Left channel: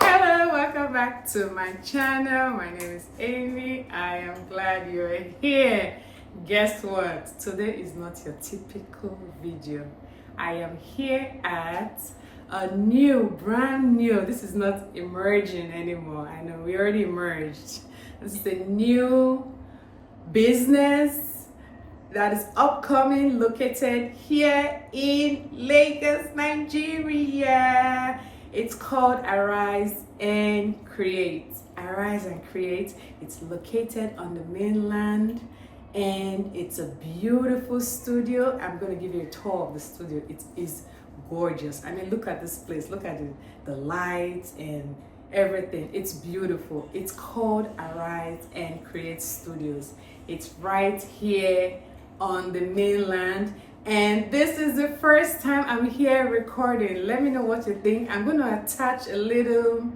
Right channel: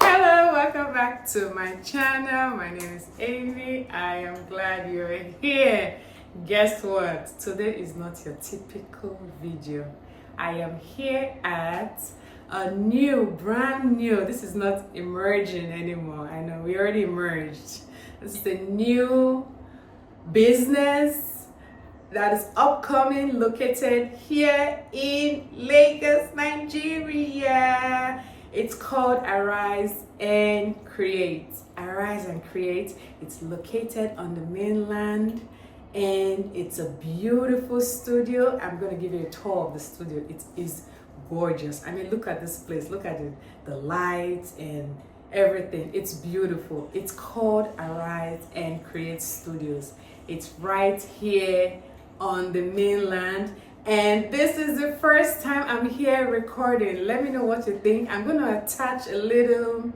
Hello, welcome back to my channel. My name is Amy. I am glad you're here. Guess what? Today is not your typical video. I am here at a brand new, this is not emerging anymore. I know we already emerged. This is the new business that is upcoming, located here in Lagos, Nigeria. It's called Arise and Create. Arise and Create. It's located on the mainland and it's a beautiful studio. I'm going to give you a tour of the studio. It is gorgeous. I mean, look at this place. Look at the lights and everything. It's beautiful. It's called Arise and Create Studios. It's right here on the mainland, and this is the first time I'm here recording. Let me know what you think. I'm going to attach a little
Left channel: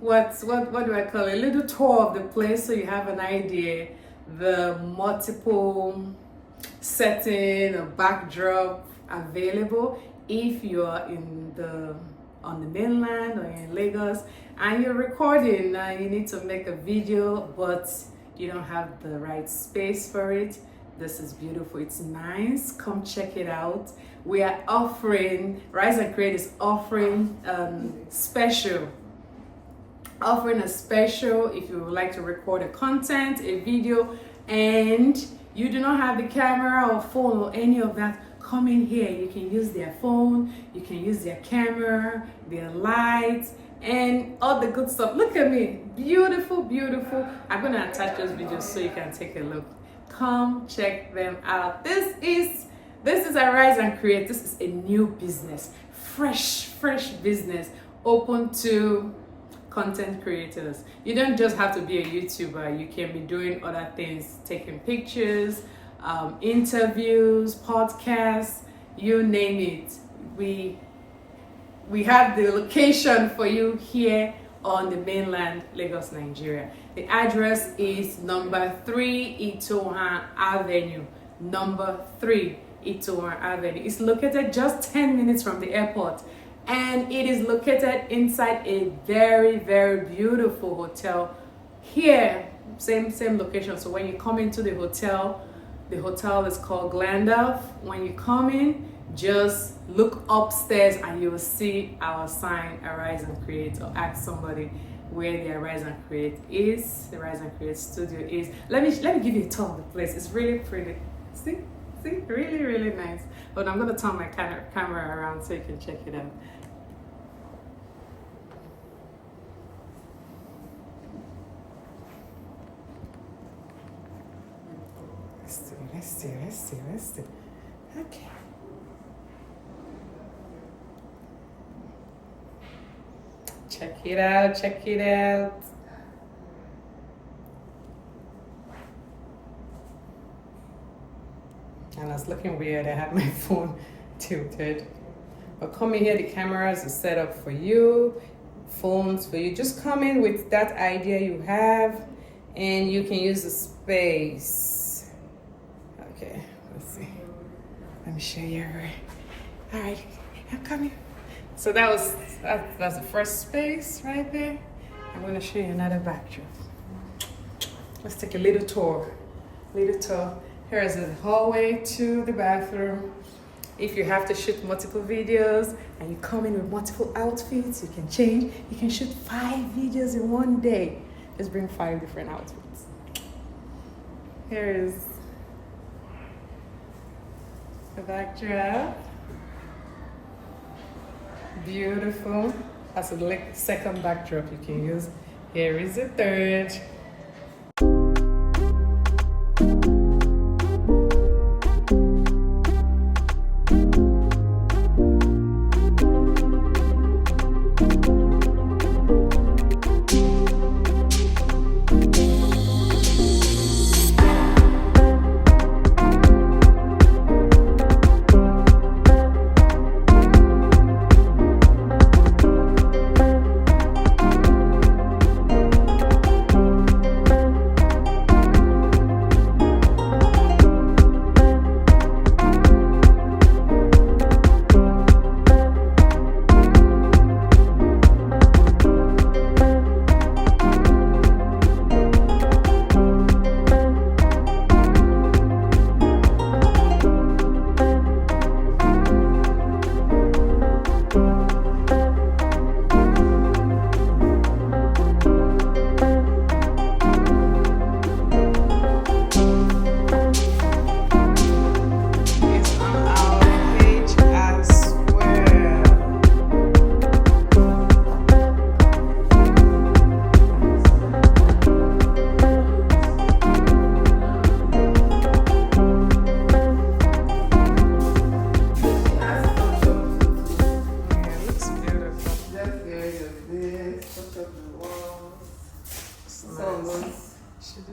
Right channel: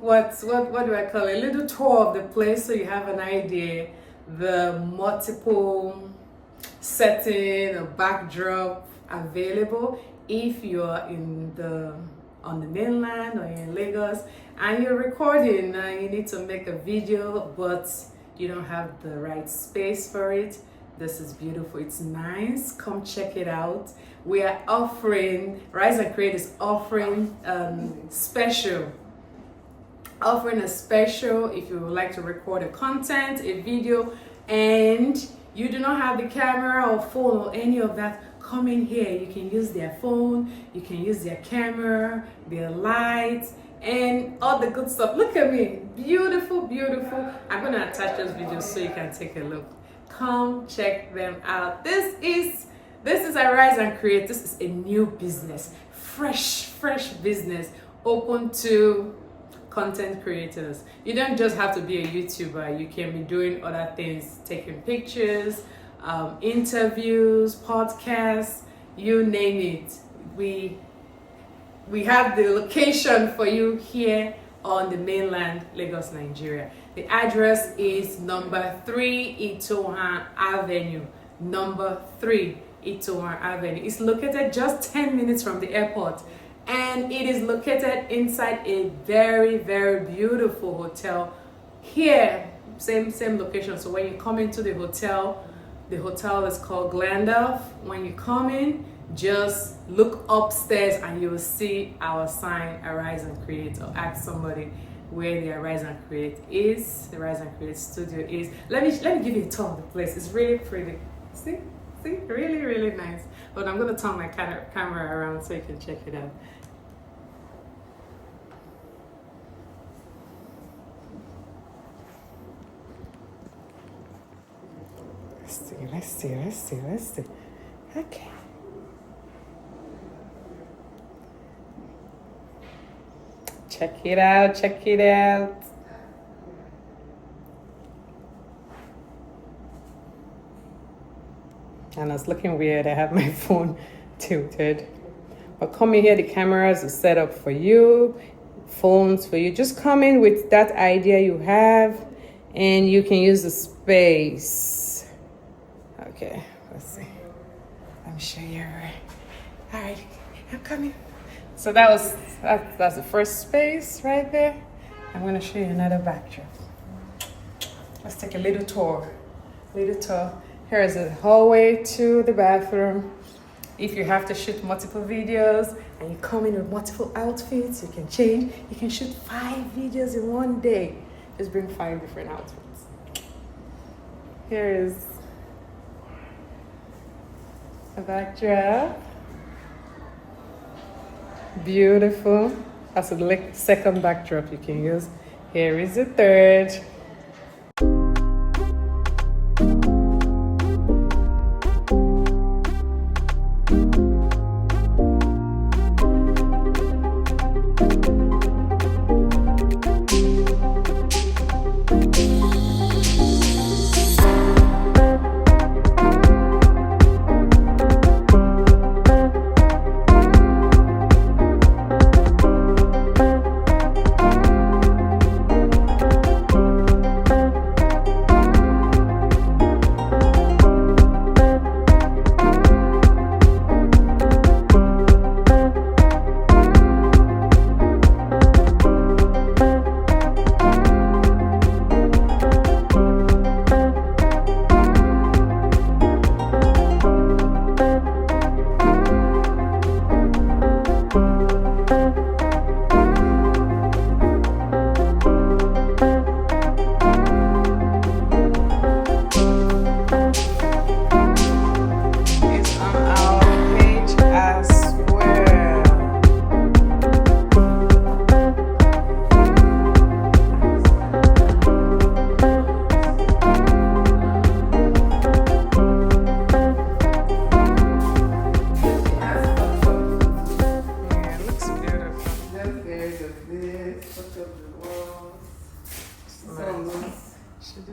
what do I call it, a little tour of the place so you have an idea, the multiple setting or backdrop available if you're on the mainland or in Lagos and you're recording. You need to make a video but you don't have the right space for it. This is beautiful. It's nice. Come check it out. We are offering, Rise and Create is offering a special if you would like to record a content, a video, and you do not have the camera or phone or any of that. Come in here. You can use their phone, you can use their camera, their lights, and all the good stuff. Look at me, beautiful, beautiful. I'm gonna attach those videos so you can take a look. Come check them out. This is Arise and Create. This is a new business, fresh business, open to content creators. You don't just have to be a YouTuber. You can be doing other things, taking pictures, interviews, podcasts, you name it. We have the location for you here on the mainland, Lagos, Nigeria. The address is number 3 Itohan Avenue. Number 3 Itohan Avenue. It's located just 10 minutes from the airport, and it is located inside a very, very beautiful hotel here. Same location. So when you come into the hotel is called Glandalf. When you come in, just look upstairs and you will see our sign, Arise and Create, or ask somebody where the Arise and Create is. The Arise and Create studio is. Let me give you a tour of the place. It's really pretty. See, really, really nice. But I'm gonna turn my camera around so you can check it out. Let's see. Okay. Check it out. And it's looking weird. I have my phone tilted. But come in here, the cameras are set up for you, phones for you. Just come in with that idea you have and you can use the space. Okay, let's see. Let me show you. All right, I'm coming. So that's the first space right there. I'm gonna show you another backdrop. Let's take a little tour. Here is a hallway to the bathroom. If you have to shoot multiple videos and you come in with multiple outfits, you can change. You can shoot 5 videos in one day. Just bring 5 different outfits. Here is the backdrop. Beautiful. That's the second backdrop you can use. Here is the third.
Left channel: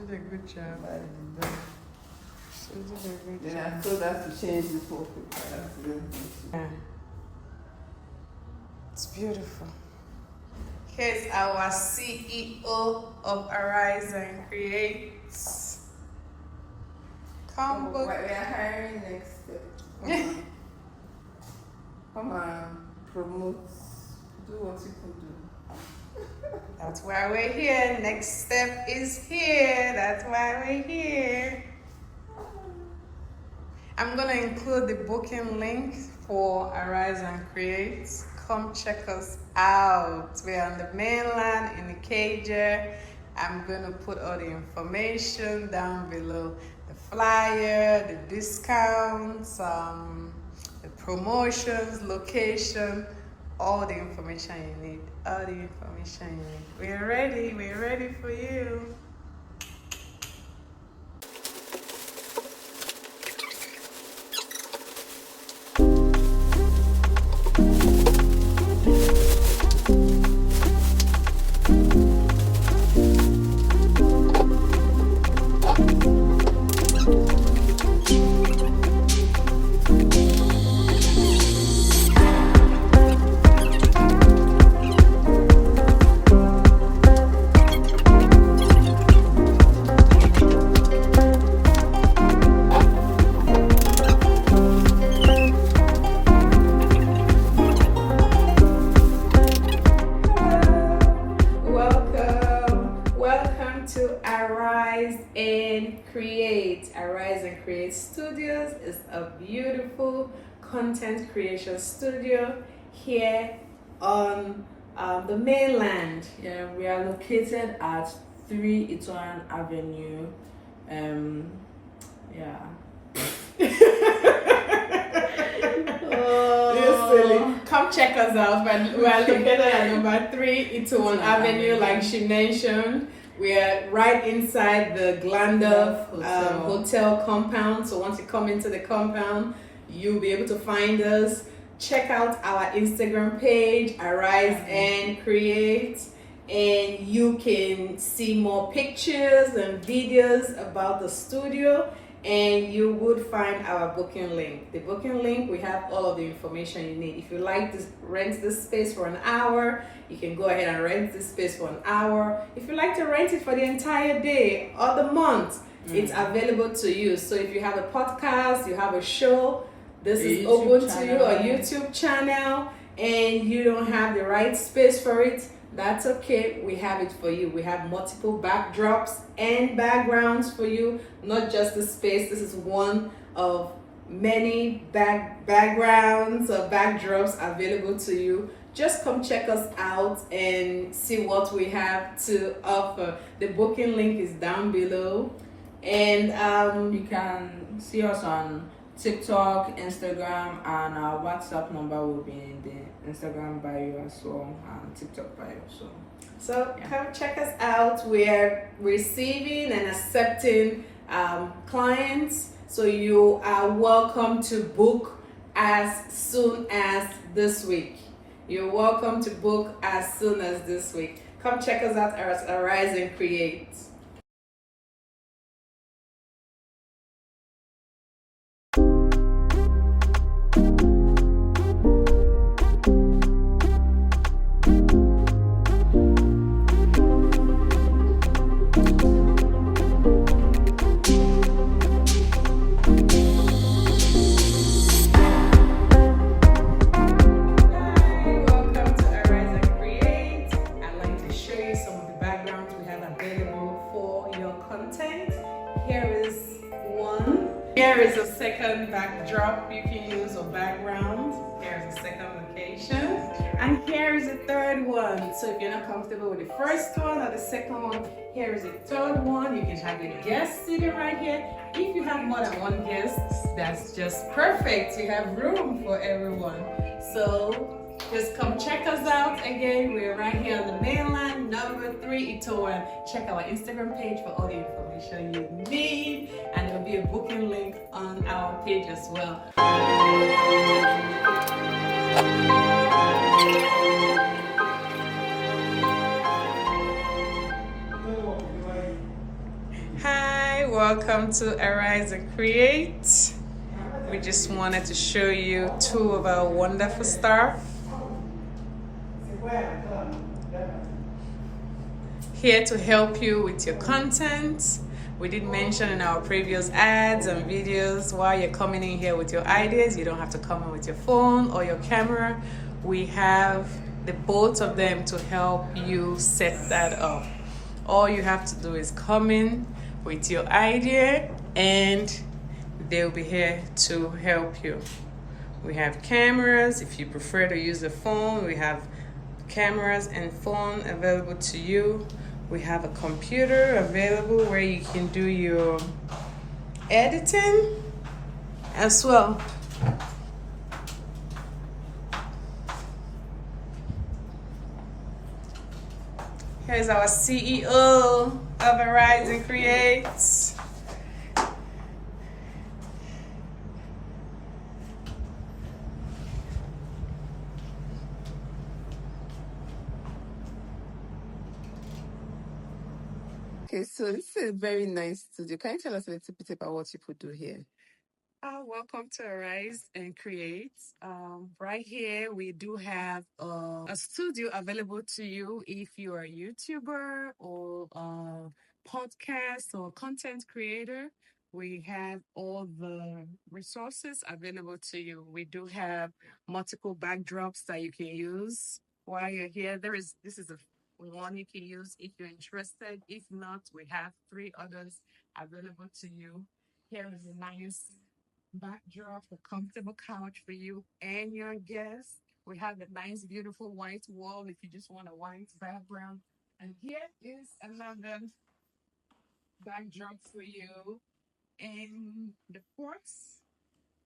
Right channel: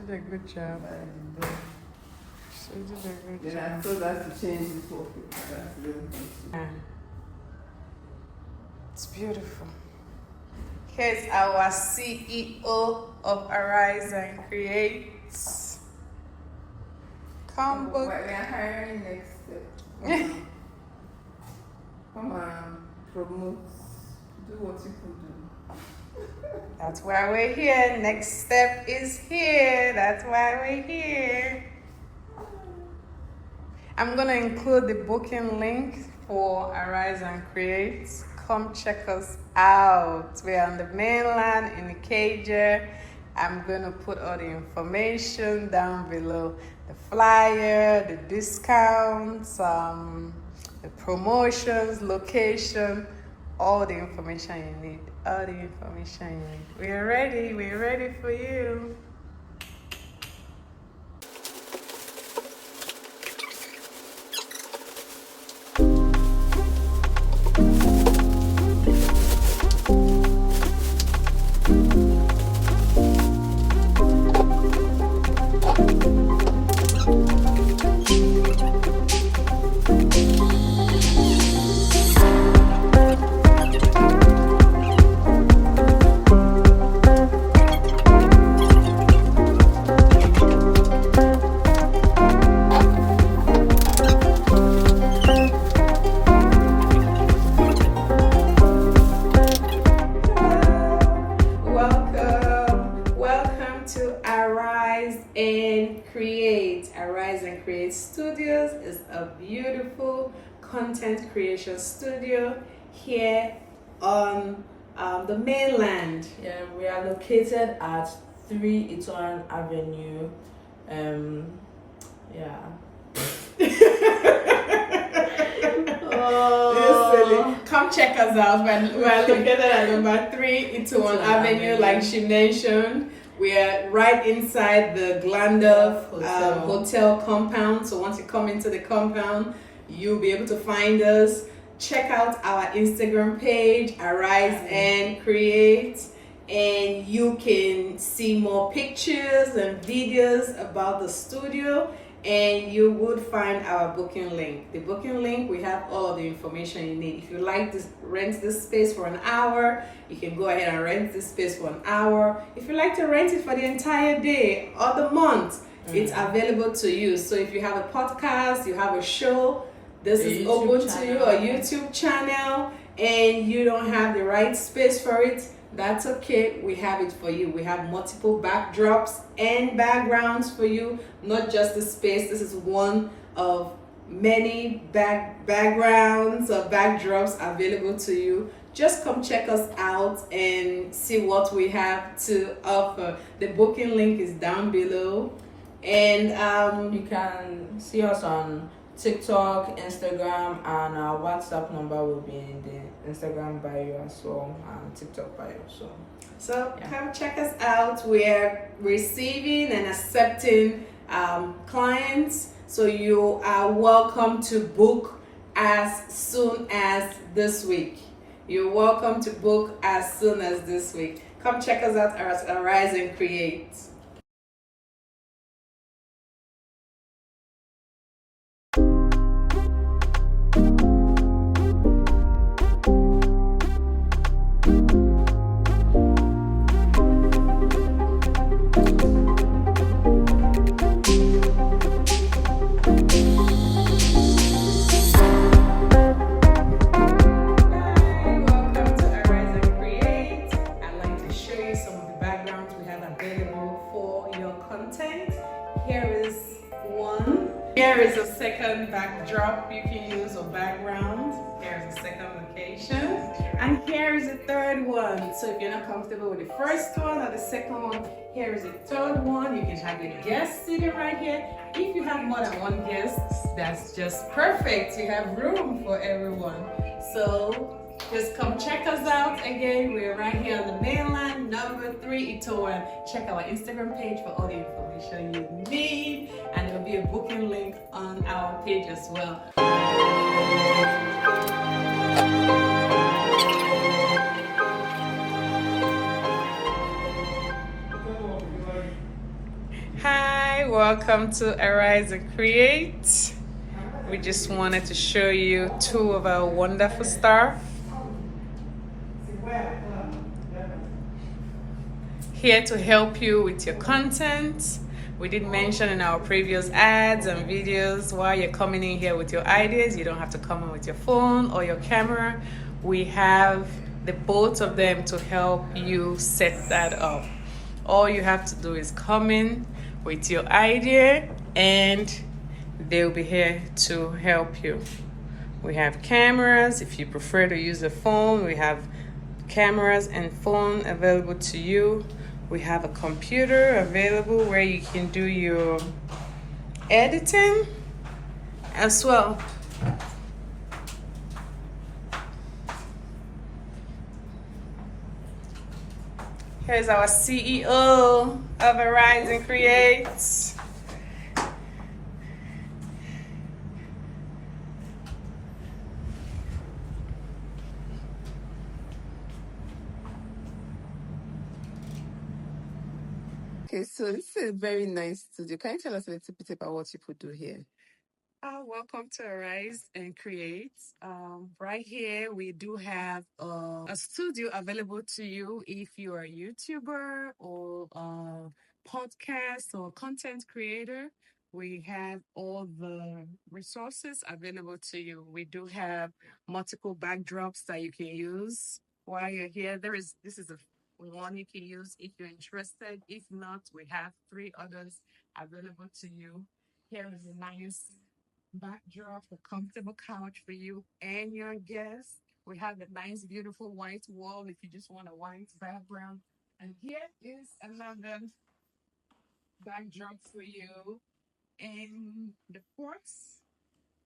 did a good job. She did a good job. Yeah, so that's to change this whole paper. That's really good. Yeah. It's beautiful. Here's our CEO of Arise and Create. Come But book. we are hiring next step. Come on, promote, do what people do. That's why we're here. Next step is here. That's why we're here. I'm going to include the booking link for Arise and Create. Come check us out. We're on the mainland in Ikeja. I'm going to put all the information down below. The flyer, the discounts, the promotions, location, all the information you need. All the information you need. We're ready for you. Arise and Create Studios is a beautiful content creation studio here on the mainland. Yeah, we are located at 3 Itoran Avenue. Yeah. Come check us out. We are located at number 3 Itoran Avenue, like she mentioned. We are right inside the Glandorf hotel compound. So once you come into the compound, you'll be able to find us. Check out our Instagram page, Arise and Create, and you can see more pictures and videos about the studio, and you would find our booking link. The booking link, we have all of the information you need. If you like to rent this space for an hour, you can go ahead and rent this space for an hour. If you like to rent it for the entire day or the month, it's available to you. So if you have a podcast, you have a show, this is open to you, a YouTube channel, and you don't have the right space for it, that's okay. We have it for you. We have multiple backdrops and backgrounds for you, not just the space. This is one of many backgrounds or backdrops available to you. Just come check us out and see what we have to offer. The booking link is down below, and you can see us on TikTok, Instagram, and our WhatsApp number will be in the Instagram bio as well, and TikTok bio. So come check us out. We are receiving and accepting clients, so you are welcome to book as soon as this week. You're welcome to book as soon as this week. Come check us out at Arise and Create. Here is a second backdrop you can use, or background. Here's a second location. And here is a third one. So if you're not comfortable with the first one or the second one, here is a third one. You can have your guest sitting right here. If you have more than one guest, that's just perfect. You have room for everyone. So just come check us out. Again, we're right here on the mainland, number 3 Itoran. Check our Instagram page for all the information you need, and there'll be a booking link on our page as well. welcome to Arise and Create. We just wanted to show you two of our wonderful staff here to help you with your content. We did mention in our previous ads and videos, while you're coming in here with your ideas, you don't have to come in with your phone or your camera. We have the both of them to help you set that up. All you have to do is come in with your idea and they'll be here to help you. We have cameras. If you prefer to use a phone, we have cameras and phone available to you. We have a computer available where you can do your editing as well. Here's our CEO of Arise and Create. Okay, so this is a very nice studio. Can you tell us a little bit about what you could do here? Welcome to Arise and Create. Right here, we do have a studio available to you if you are a YouTuber or a podcast or content creator. We have all the resources available to you. We do have multiple backdrops that you can use while you're here. This is a one you can use if you're interested. If not, we have 3 others available to you. Here is a nice backdrop, a comfortable couch for you and your guests. We have a nice, beautiful white wall if you just want a white background. And here is another backdrop for you. And the fourth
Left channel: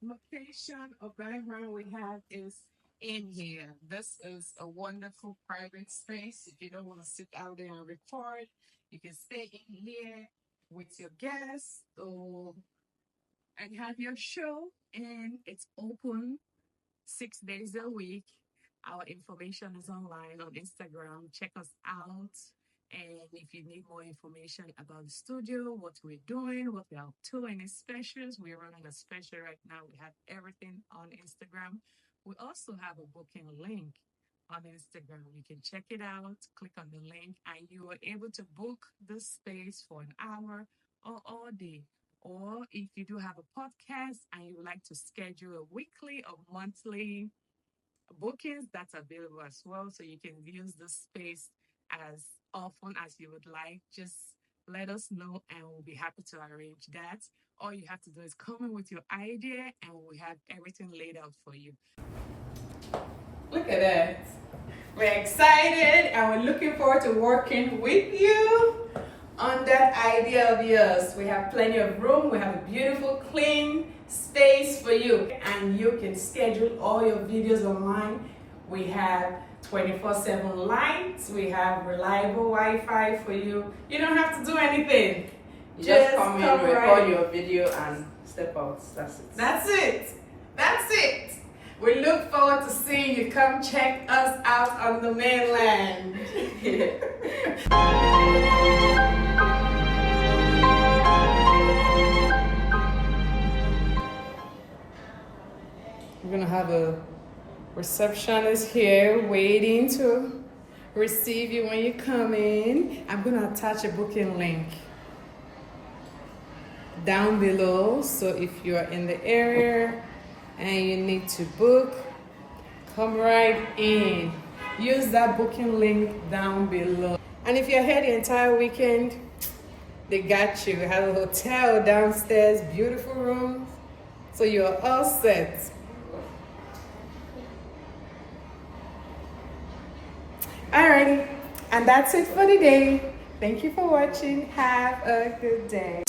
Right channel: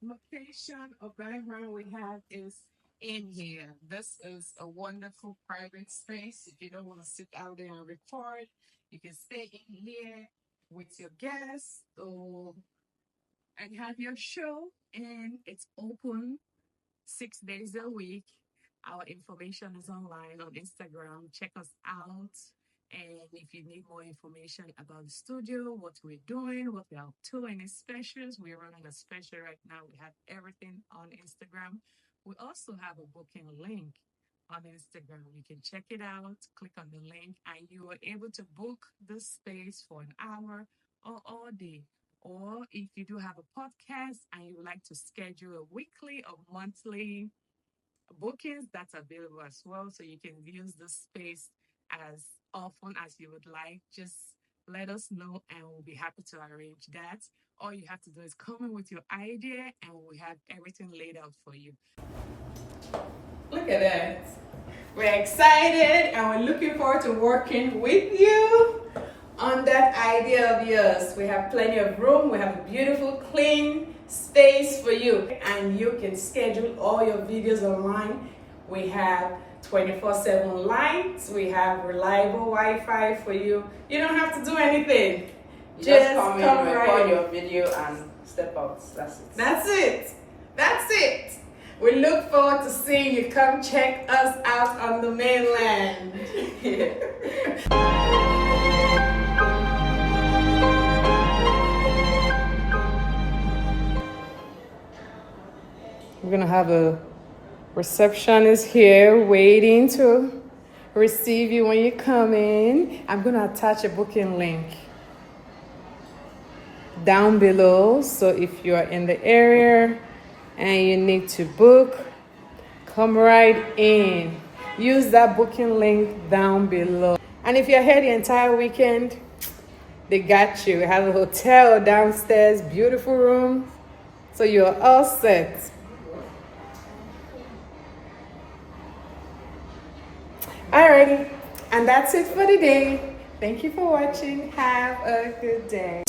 location or background we have is in here. This is a wonderful private space. If you don't want to sit out there and record, you can stay in here with your guests or and have your show, and it's open 6 days a week. Our information is online on Instagram. Check us out. And if you need more information about the studio, what we're doing, what we're up to, any specials, we're running a special right now. We have everything on Instagram. We also have a booking link on Instagram. You can check it out, click on the link, and you are able to book the space for an hour or all day. Or if you do have a podcast and you would like to schedule a weekly or monthly bookings, that's available as well. So you can use the space as often as you would like. Just let us know and we'll be happy to arrange that. All you have to do is come in with your idea and we have everything laid out for you. Look at that. We're excited and we're looking forward to working with you on that idea of yours. We have plenty of room. We have a beautiful, clean space for you. And you can schedule all your videos online. We have 24/7 lights. We have reliable Wi-Fi for you. You don't have to do anything. You just come in, record your video, and step out. That's it. That's it. That's it. We look forward to seeing you. Come check us out on the mainland. We're gonna have a receptionist here waiting to receive you when you come in. I'm gonna attach a booking link down below, so if you're in the area and you need to book, come right in. Use that booking link down below. And if you're here the entire weekend, they got you. We have a hotel downstairs, beautiful room, so you're all set. Alrighty, and that's it for today. Thank you for watching. Have a good day.